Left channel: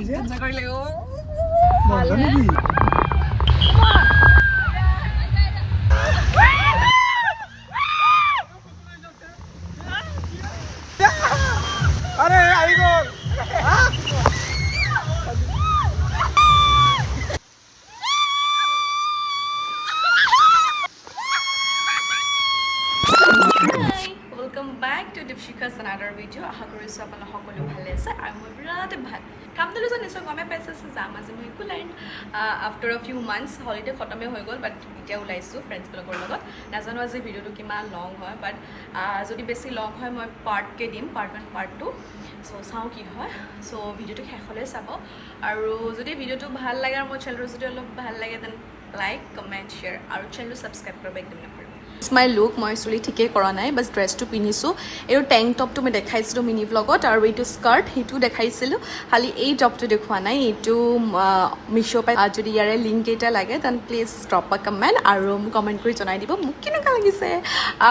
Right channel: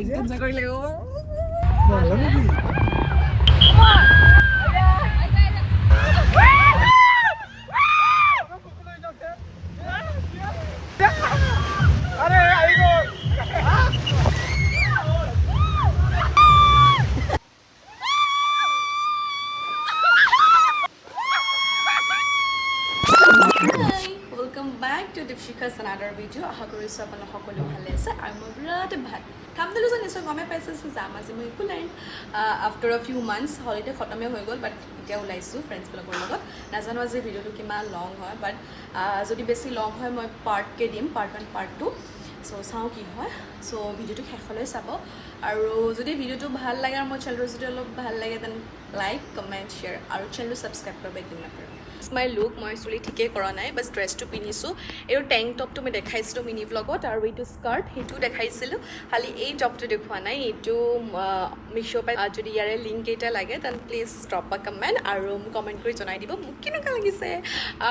Cancel কৰিলে Dipshika's another video. আশা কৰিছোঁ আপোনালোক সকলো ভালে আছে আৰু মই বিৰাট ভাল কাম দিলোঁ যে নিশ্চয় গমে পাইছে যাম আজি মই একো line after few months holiday খতমে হৈ গ'ল বাট এতিয়া ওলাইছোঁ ফ্ৰেণ্ডছবিলাকৰ লগত নাজানো আজি ভিডিঅ'টো কিমান লং হয় বাট যদি বেছি লং হয় মই পাৰ্টকৈ দিম পাৰ্ট 1 পাৰ্ট 2 চ' চাওঁ কি হয় চ' ভিডিঅ'টো শেষলৈ চাব আৰু যদি ভিডিঅ'টো ভাল লাগে আৰু মোৰ চেনেলটো যদি অলপ ভাল লাগে দেন লাইক কমেণ্ট শ্বেয়াৰ আৰু চেনেলটো ছাবস্ক্ৰাইব কৰিব একদম নাপাহৰিব মাই লুক মই চুলি ঠিকেই কৰা নাই বাছ ড্ৰেছটো পিন্ধিছোঁ এইটো টেংক টপটো মই দেখাইছিলোঁ মিনি ব্লগত আৰু এইটো স্কাৰ্ট সেইটো দেখাইছিলোঁ খালি এই টপটো দেখুওৱা নাই এইটো মিছ' পাই যদি ইয়াৰে লিংক কেইটা লাগে তেন প্লিজ ড্ৰপ আ কমেণ্ট আৰু কমেণ্ট কৰি জনাই দিব মোক কেনেকুৱা লাগিছে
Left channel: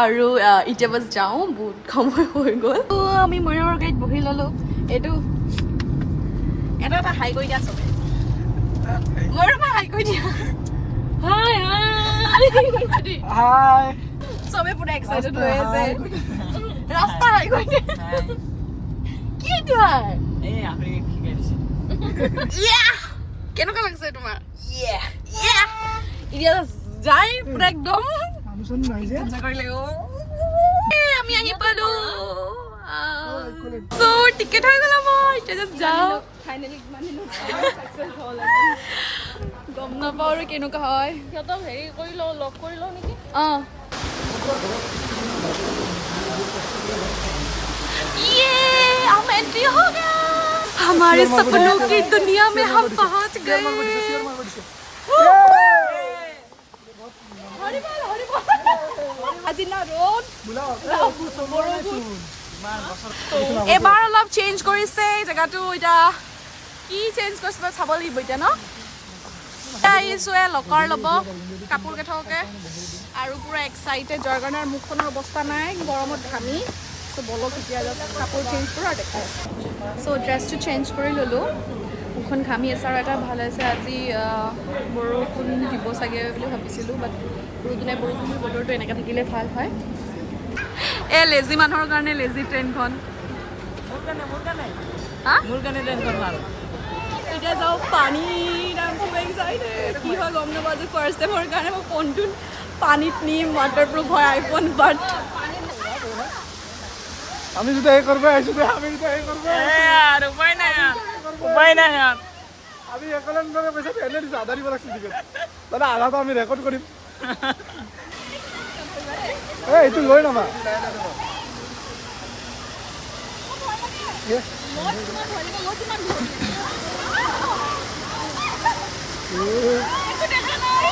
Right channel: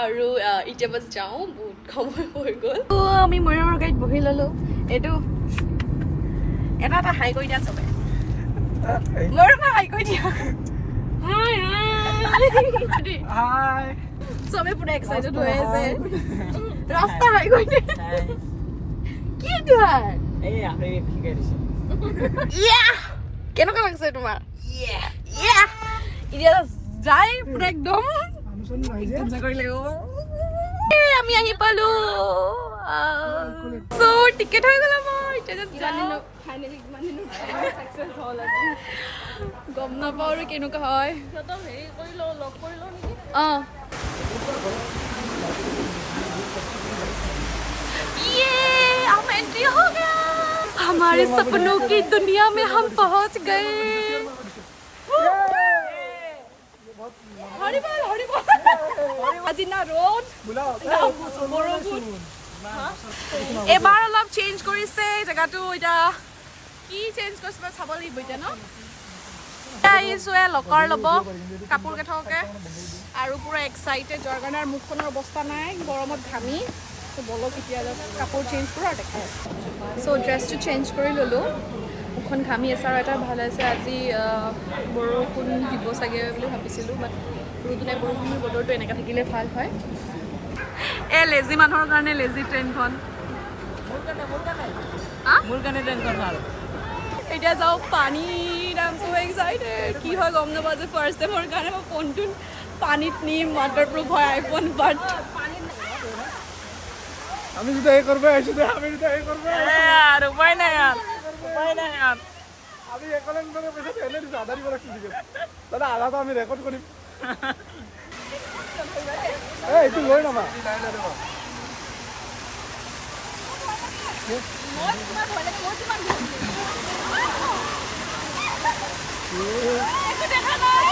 আৰু এতিয়া বাছ যাওঁ বহুত সময় হৈ গ'ল আমি ময়ূৰৰ গাড়ীত বহি ল'লোঁ এইটো এটা হাই কৰি দিয়া চবে ময়ূৰ মই হাই কৰি দিয়া হাই হাই চবে পুৰা এক্সাইটেড হৈ আছে ৰাস্তা হাই কৰি দিয়া কি তোমাৰ এই আমি শিকাই দিছে কেনেকুৱা লাগিছে তোমাৰ এতিয়া যাই পুৰা একদম আমি আহি পালো চ' টিকেট হৈ গ'ল আমাৰ এতিয়া যাওঁ ফাইনেলি গম নাপাওঁ আৰু কেনেকুৱা হয় সিহঁতক হেৰি কৰি লওঁ লগ কৰি লওঁ নেকি অঁ ये हम एंट्री हो गया हमारे सपनों की दुनिया में हम पहुंच गए আজি না ৰ'দ এবাৰ অলপ চেঞ্জ কৰিছে জেগাটো এতিয়া কি চেঞ্জ কৰিছে চাব লাগিব এতিয়া ন আহিছোঁ লকাৰ ল'ব কাপোৰ কেইটাকে আৰু পুৰা এক্সাইটেড যাৰ কাৰণে মুখখনৰ অৱস্থা নাই গৰমত ঘামি চ' বলক এতিয়া জাষ্ট কাপোৰ চেঞ্জ কৰোঁ আৰু দেখাই আছোঁ চ' ড্ৰেছটো চেঞ্জ কৰি ল'লোঁ মুখখন ঘামি আছে আৰু এটা ভাল আছে আজি বৰষুণ দিব চাগে বুলি ভাবিছিলোঁ বাট ৰ'দ নাই বৰষুণৰ বতৰটো এনেকৈ থাকিলে ভাল হয় এই লেজি মানুহৰ কাৰণে লেজি ট্ৰেইনখন মোৰ কাৰণে ট্ৰেইনখন ভাল এতিয়া যাওঁ পানী নামটো এক্সাইটেড কি হয় গম নাপাওঁ যে ফাৰ্ষ্ট টাইমৰ কাৰণে মই ফোনটো পানীত নিম ৱাটাৰপ্ৰুফ হয় আইফোন বাট আমি যদি এই করবে আসলে আমি যদি এই করবে আর উপায় নাই আর আমি একলন করে পয়সা এনে দিছি আধারি বলাছি দিকে তাহলে আধা তো আমি রেকর্ড করিম এই একটু লই না মই তোমার ভয় লাগে মই তোমার ধরি একটু দেখা নাই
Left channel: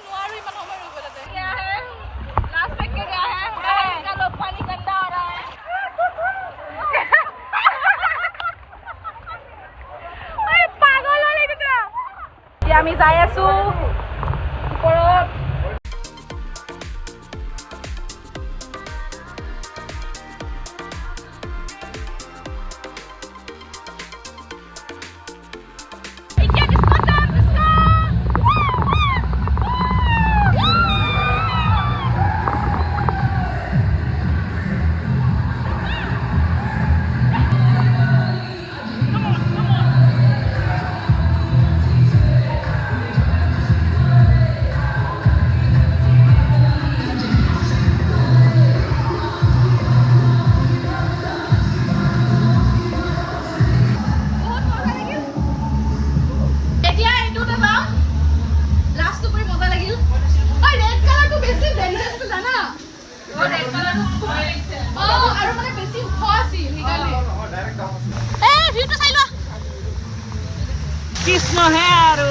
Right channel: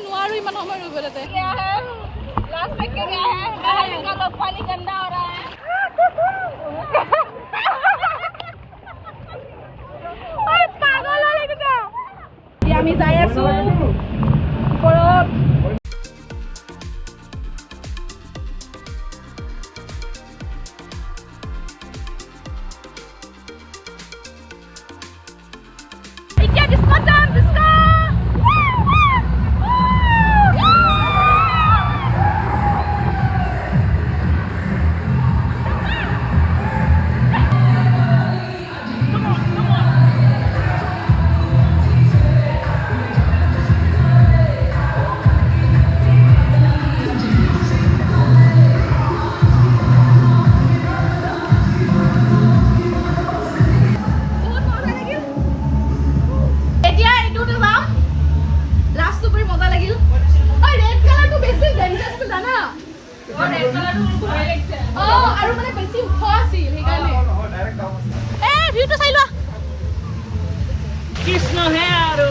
নোৱাৰো ইমান সময় ৰ'ব তাতে আমি যাই আছো ওপৰত আছিল সেইকাৰণে ভিউটো চাই লোৱা কৃষ্ণহে আৰু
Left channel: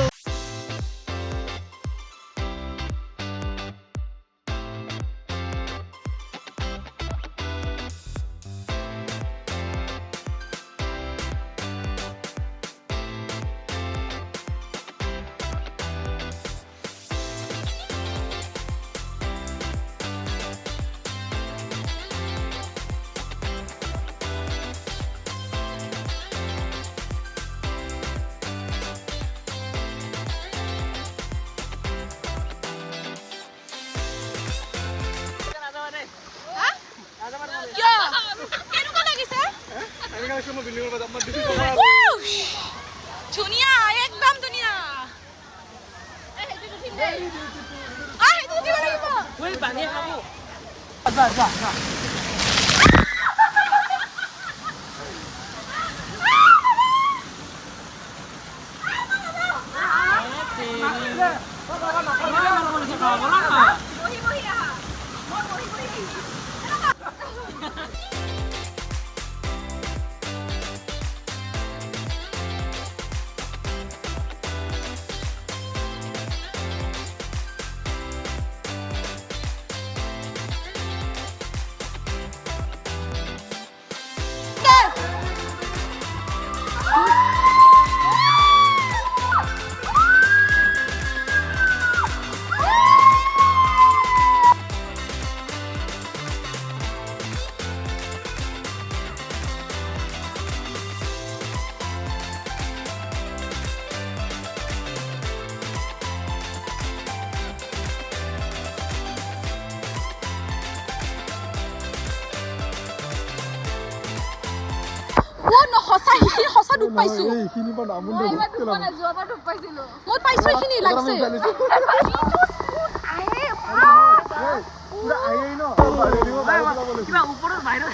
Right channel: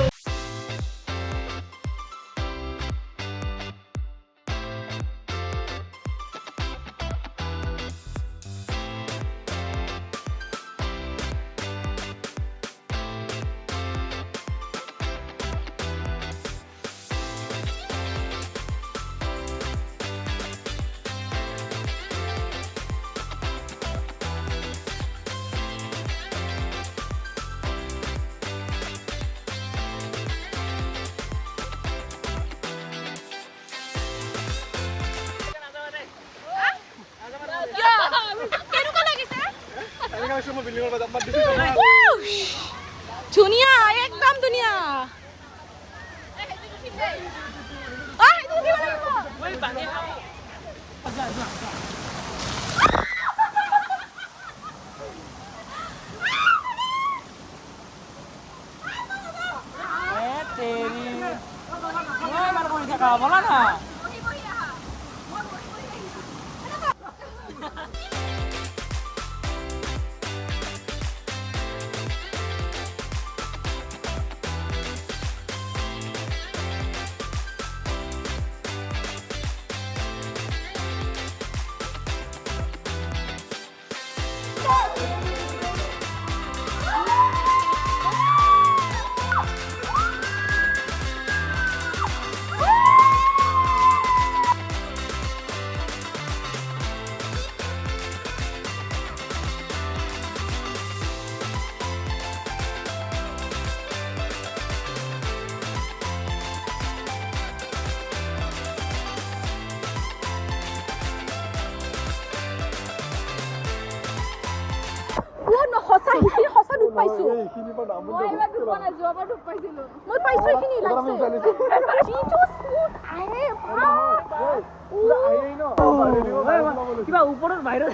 ধুনীয়া একদম ধুনীয়া সঁচা ডুব পাইছো মই পাইছো এইখিনি লাগছে কিবা ওপৰত ভাইৰাছ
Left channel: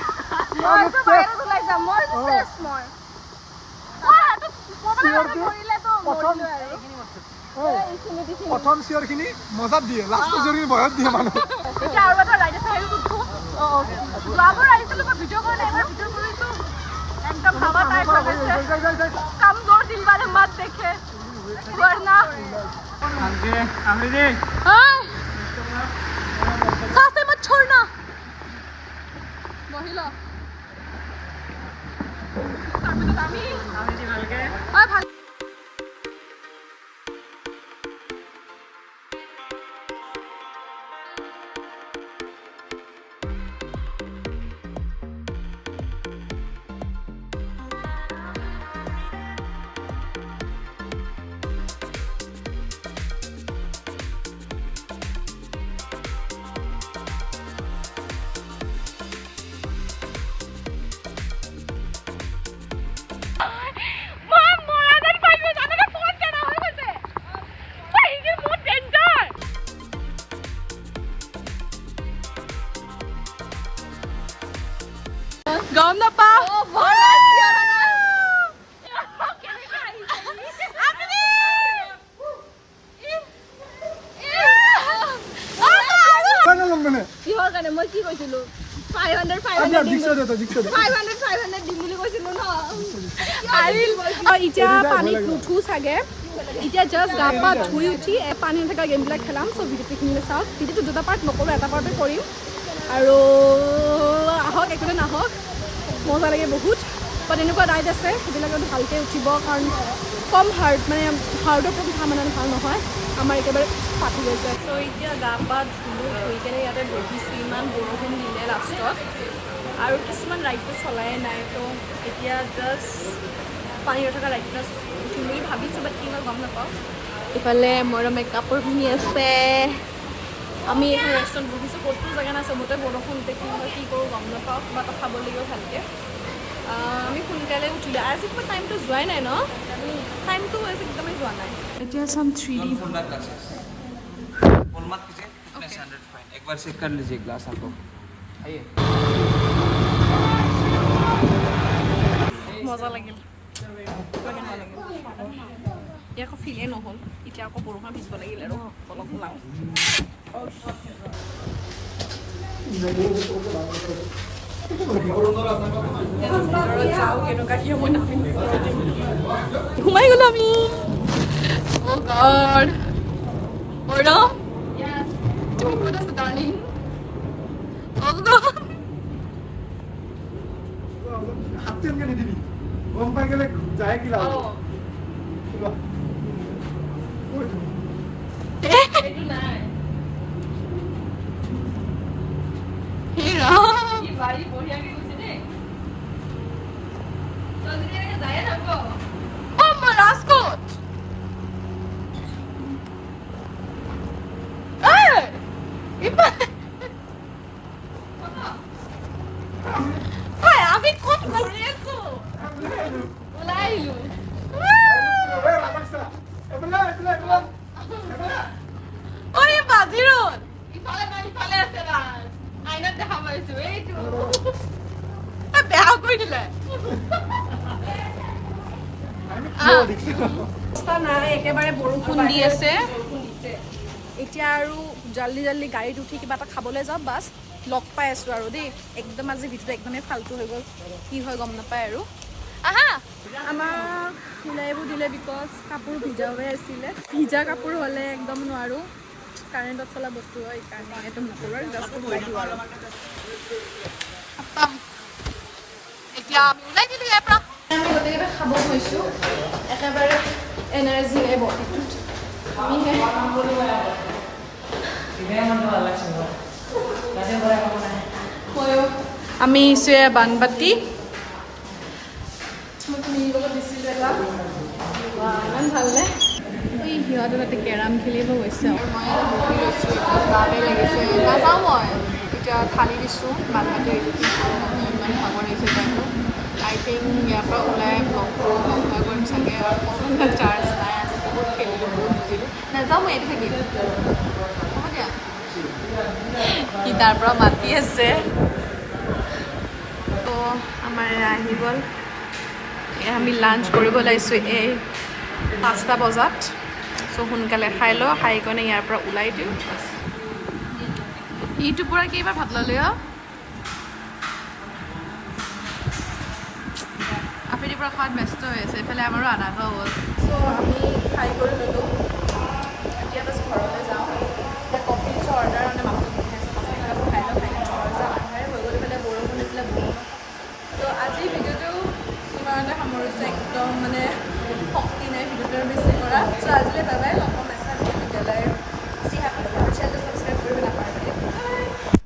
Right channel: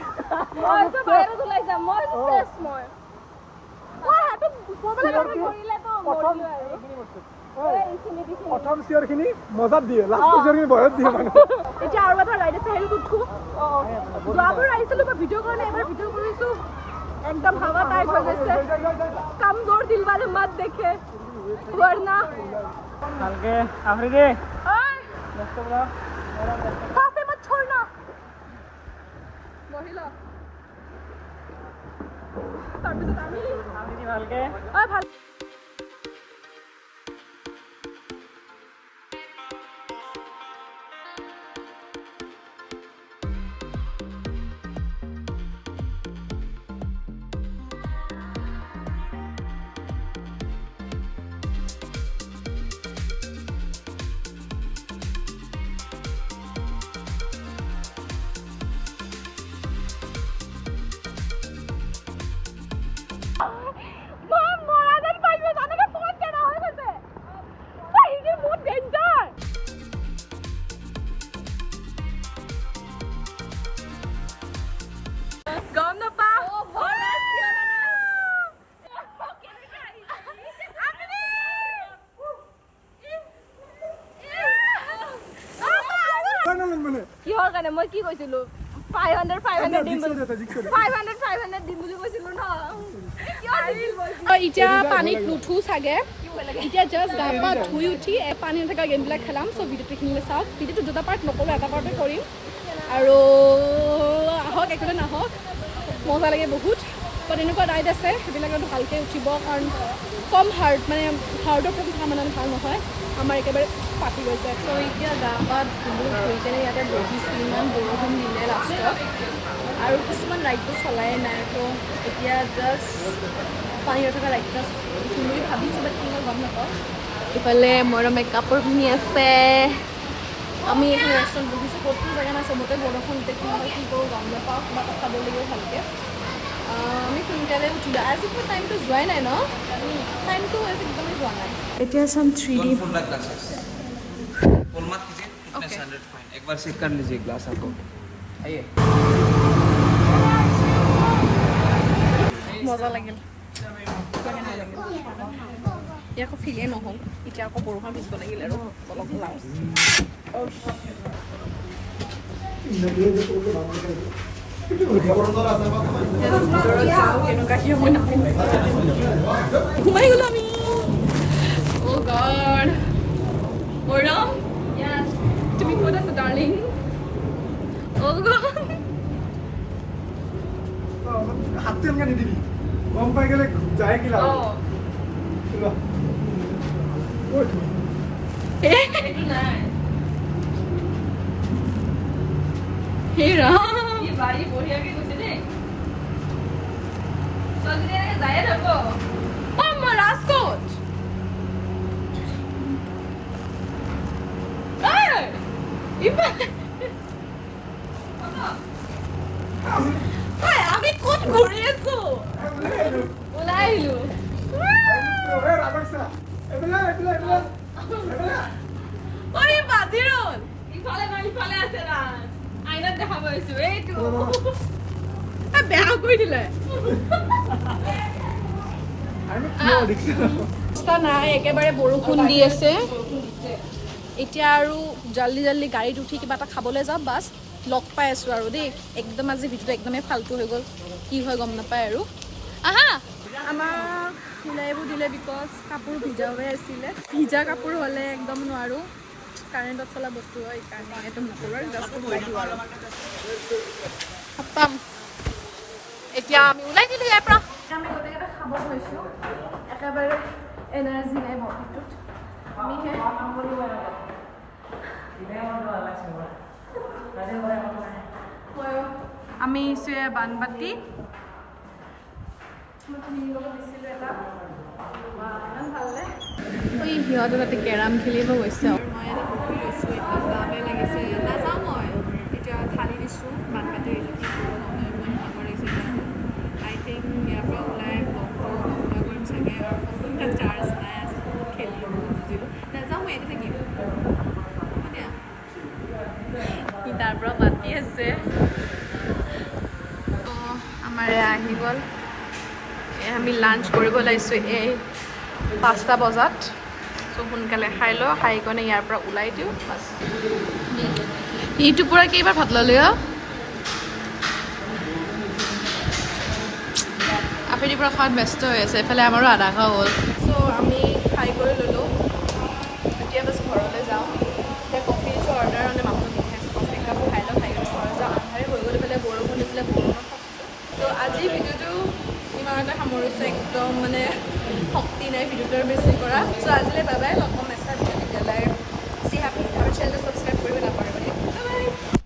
প্ৰথম চিয়ৰ খিনি মজাত দিয়ে লাষ্ট চিয়ৰ খিনি ভয়ত দিয়ে মানুহ এতিয়া আৰু এটা ৰাইড আছে সেইটো উঠো যোৱাবাৰ আহিছিলো মই ভিডিঅ' কাৰণে এবাৰ ভিডিঅ' কৰিছো एकदम हवा टाइप हो गए कमजोर दिल वाले मत देखे वरना हल्के आफरीदी हां साथे मत छोड़ना महिला तभी तो आमी हल्के ओए भाई गम ना पा কিহৰ কাৰণে মই কি কৈছিলো 500 দিম বুলি কৈছিলো ন এতিয়া পানীত নুঠো চাগে এতিয়া জাষ্ট গা পা ধুই উঠি পানী থকা গেমবিলাক খেলাম চ' ভিডিঅ'টো এইখিনিলৈ চাওক ভিডিঅ'টো দুটা পাৰ্ট নকৰোঁ এটা পাৰ্টে কৰিম আৰু আহক একোটা নাহক মজা লাগে বহুত বাট এনেকুৱা ৰাইড আছে সেইবিলাকতো ভালকৈ উঠিব কাৰণ কম মানে হাৰ্টৰ প্ৰথম মানে ভাল নহয় আমাৰ একেবাৰে পাতি গৈছে চ' এতিয়া গা পা ধুই কেনে ইয়াতে বহিছোঁ ইমান বৰষুণ দিলে লাষ্টত আৰু কিছুমান ৰাইডটো চলাই নাই তো এতিয়া জাষ্ট পানীত থকা ৰাইডটো উঠিম বুলি ভাবিছোঁ বাট কি হয় গম নাপাওঁ ইফালে মোৰ মেকআপৰ পিন্ধি আছে আমি এখন ৰেষ্টুৰেণ্ট বহিছোঁ ক'তো জেগা নাই চবতে বৰষুণ কি হয় কি কৰোঁ গম নাপাওঁ কিবা এটা খাব লাগিব ভালকৈ আমি সোনকালে উঠিলোঁ আজি কিবা টাইমটো যোৱাই নাই ন টাইমটো আজি একদমেই যোৱা নাই এতিয়া চাম 3D एक बार चेक कर लीजिए ग्लास आपको आइए মজা লাগিল এতিয়া আকৌ ফিলে নহ'ল এতিয়া আকৌ বৰষুণ ভিজিব লাগিল আৰু অলপ ওলাওঁ কেনেকুৱা কি হ'ব সোমাই গ'লো আমি অ' গড মৰম তুমি ক'ত আছা ডাৰ্লিং অ' গড হাতটো এনেকৈ নিদিবি গম পাই গ'লে যায় কি লাভ হে ৰাম বাৰী বঢ়িয়াকে গৈছে দেই যায়ে থাকো অ' মই ৰাজকোট আমি ক'ত ঘূৰি আছো ওলাই আহিলো অৰে বাজিৰণ ইফালে নাই ইফালে আছে ৰাজ আইনাত দেখা পাইছো এইটো বেয়া কৰি দিলে নাই একেবাৰে বৰষুণ দি আছে এতিয়া আৰু জল্দি জল্দি গাড়ীত উঠি কিবা এটা খাবলৈ যাওঁ বাছ লগ পাই আছোঁ আৰু দেই একদম আজি ভিডিঅ'টো একদমেই ফাল্টু হৈ গ'ল কি হয় গম নাপায় আৰু আহা আমাক ওলাইবোৰ দিলে বিকজ কাপোৰ ভিজা হৈ আছিলে ভিজা কাপোৰ হ'লে একদম নোৱাৰোঁ কাৰেণ্টত চলা বস্তু হয় সেইকাৰণে এইটো নকৰোঁ আৰু জাষ্ট ওলাই দিওঁ আৰু খতম এতিয়া আমি ওলাই দিলোঁ ইয়াৰ পৰা আমি গোটেইকেইটা খাব হৈছোঁ একেবাৰে এনাৰ্জি নাই বডিটোত আমি ইছোৱে বানবাটি ইমান ভালনে সিহঁতে তাতে কেৰাম খেলিব গৈছে আৰু মই এটা বহি লৈছোঁ একদম গাতে লাগিছে নাযাওঁ মই এতিয়া থালি দিছোঁ বানবাটি এডিটিং কৰোঁ মানে ইমান ভাগৰ লাগিছে টাইমটো আই থিংক ইয়াৰ পৰা ওলাই ব্লগটো বন্ধ কৰিম চাগে আৰু ফোনত চাৰ্জ নাই আজি বহুত খেলিলোঁ বহুত বুজিলোঁ নাযাওঁ মই ইয়াতে থাকিম হ'ব দিয়া সি তাৰ পৰা মাতি আছে তো আমাৰ আহি গ'ল আমি লাঞ্চ কৰিব লাগিছোঁ এই 5টা বজাত চ' সোনকালে খাই লওঁ খাই কিনে ইয়াৰ পৰা ওলাই দিওঁ বাছ ইটোৰ পৰা কেইবাৰ ভাত ল'লে আফেৰিৰ পৰা খোৱাত ব্যস্ত হৈ আছে এইফালে আমাৰো আধা খোৱা হ'ল চ' আমি খাই কৰি ল'লোঁ এতিয়া বাছ ঘৰলৈ যাওঁ এতিয়া কফি দিছোঁ অৰ্ডাৰ মানে মাত্ৰ মিঠাই আছে কফি একাপ খাই লওঁ খাই কিনে ঘৰত যাওঁ আন্ধাৰে হৈ গ'ল ইফালে বৰষুণ দিছিলে বৰষুণত ত' আজিৰ ভিডিঅ'টো ইমানতে সামৰিছোঁ একদম মানে শক্তি নাই ভিডিঅ'টো বেছি কৰা চ' আজিলৈ বাই বাই লগ পাম মেছেজ তেতিয়ালৈ চি হেপি আৰু চেনেলটো ছাবস্ক্ৰাইব কৰিব নাপাহৰিব বাই বাই